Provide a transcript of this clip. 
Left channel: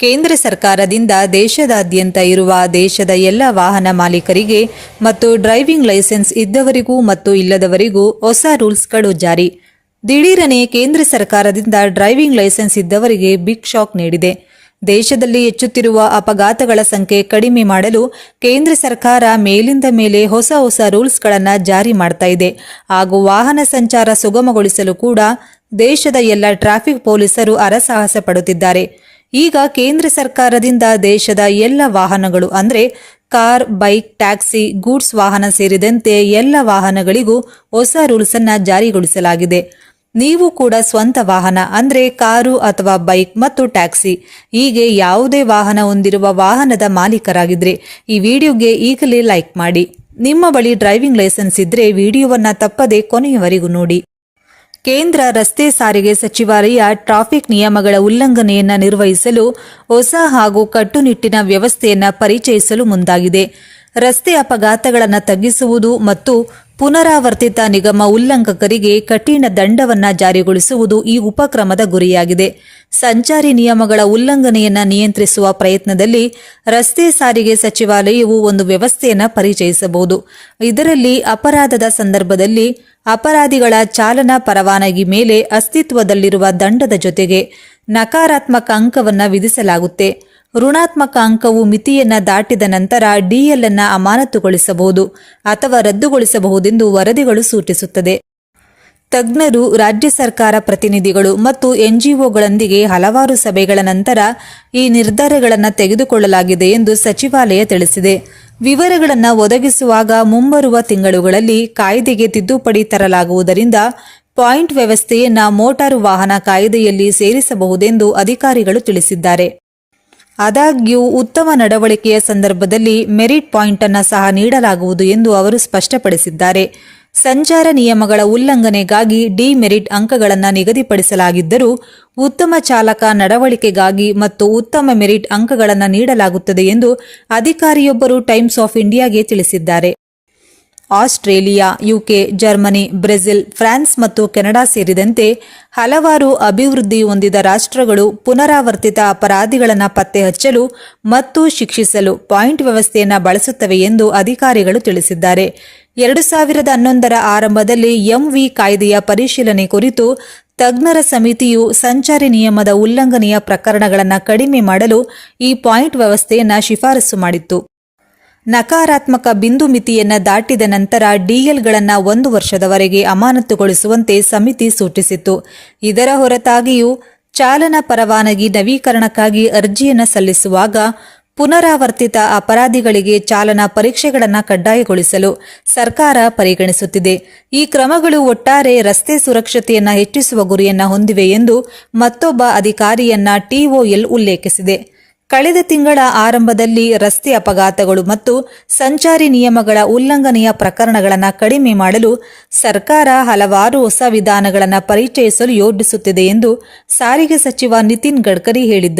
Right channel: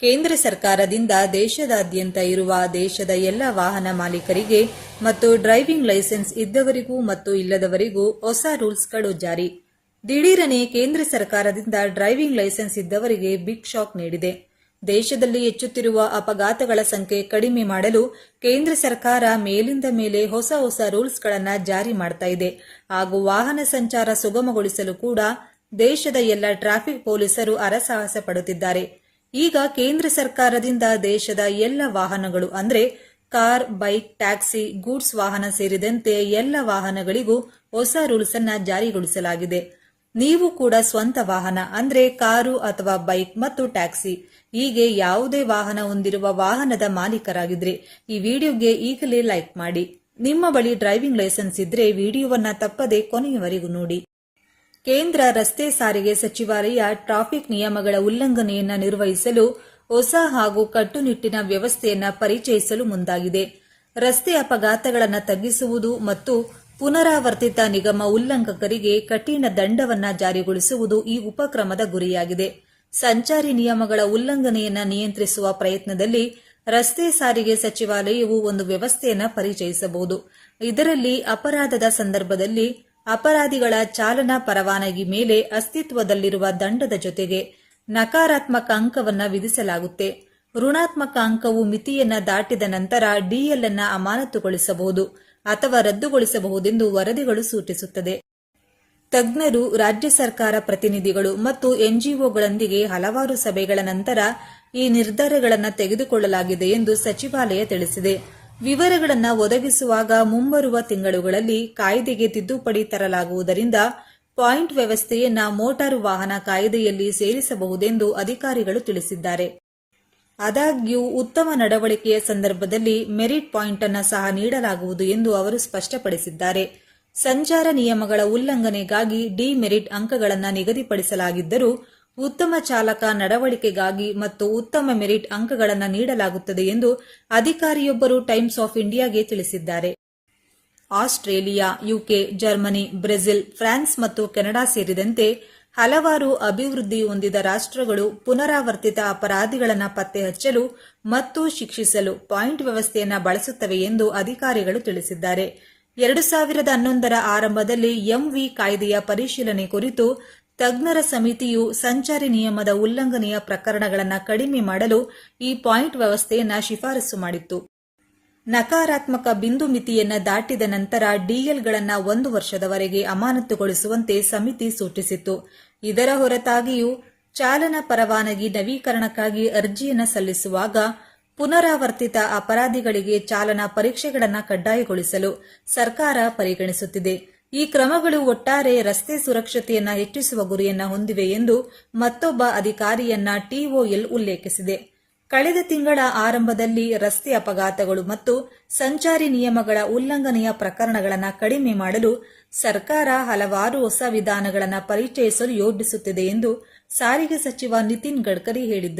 ಕೇಂದ್ರ ಸರ್ಕಾರದಿಂದ ದೇಶದಾದ್ಯಂತ ಇರುವ ದೇಶದ ಎಲ್ಲ ವಾಹನ ಮಾಲೀಕರಿಗೆ ಮತ್ತು ಡ್ರೈವಿಂಗ್ ಲೈಸೆನ್ಸ್ ಇದ್ದವರಿಗೂ ಮತ್ತು ಇಲ್ಲದವರಿಗೂ ಹೊಸ ರೂಲ್ಸ್ಗಳು ಜಾರಿ. ದಿಢೀರನೆ ಕೇಂದ್ರ ಸರ್ಕಾರದಿಂದ ಡ್ರೈವಿಂಗ್ ಲೈಸೆನ್ಸ್ ಇದ್ದವರಿಗೆ ಬಿಗ್ ಶಾಕ್ ನೀಡಿದೆ. ದೇಶದಲ್ಲಿ ಹೆಚ್ಚುತ್ತಿರುವ ಅಪಘಾತಗಳ ಸಂಖ್ಯೆ ಕಡಿಮೆ ಮಾಡಲು ಕೇಂದ್ರ ಸರ್ಕಾರ ಮೇಲಿಂದ ಮೇಲೆ ಹೊಸ ಹೊಸ ರೂಲ್ಸ್ಗಳನ್ನು ಜಾರಿ ಮಾಡ್ತಾ ಇದೆ. ಹಾಗೂ ವಾಹನ ಸಂಚಾರ ಸುಗಮಗೊಳಿಸಲು ಕೂಡ ದೇಶದ ಎಲ್ಲ ಟ್ರಾಫಿಕ್ ಪೊಲೀಸರು ಹರಸಾಹಸ ಪಡುತ್ತಿದ್ದಾರೆ. ಈಗ ಕೇಂದ್ರ ಸರ್ಕಾರದಿಂದ ದೇಶದ ಎಲ್ಲ ವಾಹನಗಳು, ಅಂದರೆ ಕಾರ್, ಬೈಕ್, ಟ್ಯಾಕ್ಸಿ, ಗೂಡ್ಸ್ ವಾಹನ ಸೇರಿದಂತೆ ಎಲ್ಲ ವಾಹನಗಳಿಗೂ ಹೊಸ ರೂಲ್ಸ್ ಅನ್ನ ಜಾರಿಗೊಳಿಸಲಾಗಿದೆ. ನೀವು ಕೂಡ ಸ್ವಂತ ವಾಹನ, ಅಂದ್ರೆ ಕಾರು ಅಥವಾ ಬೈಕ್ ಮತ್ತು ಟ್ಯಾಕ್ಸಿ, ಹೀಗೆ ಯಾವುದೇ ವಾಹನ ಹೊಂದಿರುವ ವಾಹನದ ಮಾಲೀಕರಾಗಿದ್ರೆ ಈ ವಿಡಿಯೋಗೆ ಈಗಲೇ ಲೈಕ್ ಮಾಡಿ. ನಿಮ್ಮ ಬಳಿ ಡ್ರೈವಿಂಗ್ ಲೈಸೆನ್ಸ್ ಇದ್ರೆ ವಿಡಿಯೋವನ್ನ ತಪ್ಪದೆ ಕೊನೆಯವರೆಗೂ ನೋಡಿ. ಕೇಂದ್ರ ರಸ್ತೆ ಸಾರಿಗೆ ಸಚಿವಾಲಯ ಟ್ರಾಫಿಕ್ ನಿಯಮಗಳ ಉಲ್ಲಂಘನೆಯನ್ನು ನಿರ್ವಹಿಸಲು ಹೊಸ ಹಾಗೂ ಕಟ್ಟುನಿಟ್ಟಿನ ವ್ಯವಸ್ಥೆಯನ್ನು ಪರಿಚಯಿಸಲು ಮುಂದಾಗಿದೆ. ರಸ್ತೆ ಅಪಘಾತಗಳನ್ನು ತಗ್ಗಿಸುವುದು ಮತ್ತು ಪುನರಾವರ್ತಿತ ನಿಗಮ ಉಲ್ಲಂಘಕರಿಗೆ ಕಠಿಣ ದಂಡವನ್ನ ಜಾರಿಗೊಳಿಸುವುದು ಈ ಉಪಕ್ರಮದ ಗುರಿಯಾಗಿದೆ. ಸಂಚಾರಿ ನಿಯಮಗಳ ಉಲ್ಲಂಘನೆಯನ್ನ ನಿಯಂತ್ರಿಸುವ ಪ್ರಯತ್ನದಲ್ಲಿ ರಸ್ತೆ ಸಾರಿಗೆ ಸಚಿವಾಲಯವು ಒಂದು ವ್ಯವಸ್ಥೆಯನ್ನು ಪರಿಚಯಿಸಬಹುದು. ಇದರಲ್ಲಿ ಅಪರಾಧದ ಸಂದರ್ಭದಲ್ಲಿ ಅಪರಾಧಿಗಳ ಚಾಲನಾ ಪರವಾನಗಿ ಮೇಲೆ ಅಸ್ತಿತ್ವದಲ್ಲಿರುವ ದಂಡದ ಜೊತೆಗೆ ನಕಾರಾತ್ಮಕ ಅಂಕವನ್ನು ವಿಧಿಸಲಾಗುತ್ತೆ. ಋಣಾತ್ಮಕ ಅಂಕವು ಮಿತಿಯನ್ನು ದಾಟಿದ ನಂತರ ಡಿಎಲ್ ಅನ್ನು ಅಮಾನತುಗೊಳಿಸಬಹುದು ಅಥವಾ ರದ್ದುಗೊಳಿಸಬಹುದೆಂದು ವರದಿಗಳು ಸೂಚಿಸುತ್ತದೆ. ತಜ್ಞರು, ರಾಜ್ಯ ಸರ್ಕಾರ ಪ್ರತಿನಿಧಿಗಳು ಮತ್ತು ಎನ್ಜಿಒಗಳೊಂದಿಗೆ ಹಲವಾರು ಸಭೆಗಳ ನಂತರ ಈ ನಿರ್ಧಾರಗಳನ್ನು ತೆಗೆದುಕೊಳ್ಳಲಾಗಿದೆ ಎಂದು ಸಚಿವಾಲಯ ತಿಳಿಸಿದೆ. ವಿವರಗಳನ್ನು ಒದಗಿಸುವಾಗ ಮುಂಬರುವ ತಿಂಗಳುಗಳಲ್ಲಿ ಕಾಯ್ದೆಗೆ ತಿದ್ದುಪಡಿ ತರಲಾಗುವುದರಿಂದ ಪಾಯಿಂಟ್ ವ್ಯವಸ್ಥೆಯನ್ನ ಮೋಟಾರು ವಾಹನ ಕಾಯ್ದೆಯಲ್ಲಿ ಸೇರಿಸಬಹುದೆಂದು ಅಧಿಕಾರಿಗಳು ತಿಳಿಸಿದ್ದಾರೆ. ಆದಾಗ್ಯೂ ಉತ್ತಮ ನಡವಳಿಕೆಯ ಸಂದರ್ಭದಲ್ಲಿ ಮೆರಿಟ್ ಪಾಯಿಂಟ್ ಅನ್ನು ಸಹ ನೀಡಲಾಗುವುದು ಎಂದು ಅವರು ಸ್ಪಷ್ಟಪಡಿಸಿದ್ದಾರೆ. ಸಂಚಾರ ನಿಯಮಗಳ ಉಲ್ಲಂಘನೆಗಾಗಿ ಡಿಮೆರಿಟ್ ಅಂಕಗಳನ್ನು ನಿಗದಿಪಡಿಸಲಾಗಿದ್ದರೂ ಉತ್ತಮ ಚಾಲಕ ನಡವಳಿಕೆಗಾಗಿ ಮತ್ತು ಉತ್ತಮ ಮೆರಿಟ್ ಅಂಕಗಳನ್ನು ನೀಡಲಾಗುತ್ತದೆ ಎಂದು ಅಧಿಕಾರಿಯೊಬ್ಬರು ಟೈಮ್ಸ್ ಆಫ್ ಇಂಡಿಯಾಗೆ ತಿಳಿಸಿದ್ದಾರೆ. Australia, UK, Germany, Brazil, France ಮತ್ತು ಕೆನಡಾ ಸೇರಿದಂತೆ ಹಲವಾರು ಅಭಿವೃದ್ಧಿ ಹೊಂದಿದ ರಾಷ್ಟ್ರಗಳು ಪುನರಾವರ್ತಿತ ಅಪರಾಧಿಗಳನ್ನು ಪತ್ತೆ ಹಚ್ಚಲು ಮತ್ತು ಶಿಕ್ಷಿಸಲು ಪಾಯಿಂಟ್ ವ್ಯವಸ್ಥೆಯನ್ನು ಬಳಸುತ್ತವೆ ಎಂದು ಅಧಿಕಾರಿಗಳು ತಿಳಿಸಿದ್ದಾರೆ. ಎರಡು ಸಾವಿರದ ಹನ್ನೊಂದರ ಆರಂಭದಲ್ಲಿ ಎಂವಿ ಕಾಯ್ದೆಯ ಪರಿಶೀಲನೆ ಕುರಿತು ತಜ್ಞರ ಸಮಿತಿಯು ಸಂಚಾರಿ ನಿಯಮದ ಉಲ್ಲಂಘನೆಯ ಪ್ರಕರಣಗಳನ್ನು ಕಡಿಮೆ ಮಾಡಲು ಈ ಪಾಯಿಂಟ್ ವ್ಯವಸ್ಥೆಯನ್ನು ಶಿಫಾರಸು ಮಾಡಿತ್ತು. ನಕಾರಾತ್ಮಕ ಬಿಂದು ಮಿತಿಯನ್ನು ದಾಟಿದ ನಂತರ ಡಿಎಲ್ಗಳನ್ನು ಒಂದು ವರ್ಷದವರೆಗೆ ಅಮಾನತುಗೊಳಿಸುವಂತೆ ಸಮಿತಿ ಸೂಚಿಸಿತ್ತು. ಇದರ ಹೊರತಾಗಿಯೂ ಚಾಲನಾ ಪರವಾನಗಿ ನವೀಕರಣಕ್ಕಾಗಿ ಅರ್ಜಿಯನ್ನು ಸಲ್ಲಿಸುವಾಗ ಪುನರಾವರ್ತಿತ ಅಪರಾಧಿಗಳಿಗೆ ಚಾಲನಾ ಪರೀಕ್ಷೆಗಳನ್ನು ಕಡ್ಡಾಯಗೊಳಿಸಲು ಸರ್ಕಾರ ಪರಿಗಣಿಸುತ್ತಿದೆ. ಈ ಕ್ರಮಗಳು ಒಟ್ಟಾರೆ ರಸ್ತೆ ಸುರಕ್ಷತೆಯನ್ನು ಹೆಚ್ಚಿಸುವ ಗುರಿಯನ್ನು ಹೊಂದಿವೆ ಎಂದು ಮತ್ತೊಬ್ಬ ಅಧಿಕಾರಿಯನ್ನ ಟಿಒಎಲ್ ಉಲ್ಲೇಖಿಸಿದೆ. ಕಳೆದ ತಿಂಗಳ ಆರಂಭದಲ್ಲಿ ರಸ್ತೆ ಅಪಘಾತಗಳು ಮತ್ತು ಸಂಚಾರಿ ನಿಯಮಗಳ ಉಲ್ಲಂಘನೆಯ ಪ್ರಕರಣಗಳನ್ನು ಕಡಿಮೆ ಮಾಡಲು ಸರ್ಕಾರ ಹಲವಾರು ಹೊಸ ವಿಧಾನಗಳನ್ನು ಪರಿಚಯಿಸಲು ಯೋಜಿಸುತ್ತಿದೆ ಎಂದು ಸಾರಿಗೆ ಸಚಿವ ನಿತಿನ್ ಗಡ್ಕರಿ ಹೇಳಿದ್ದರು.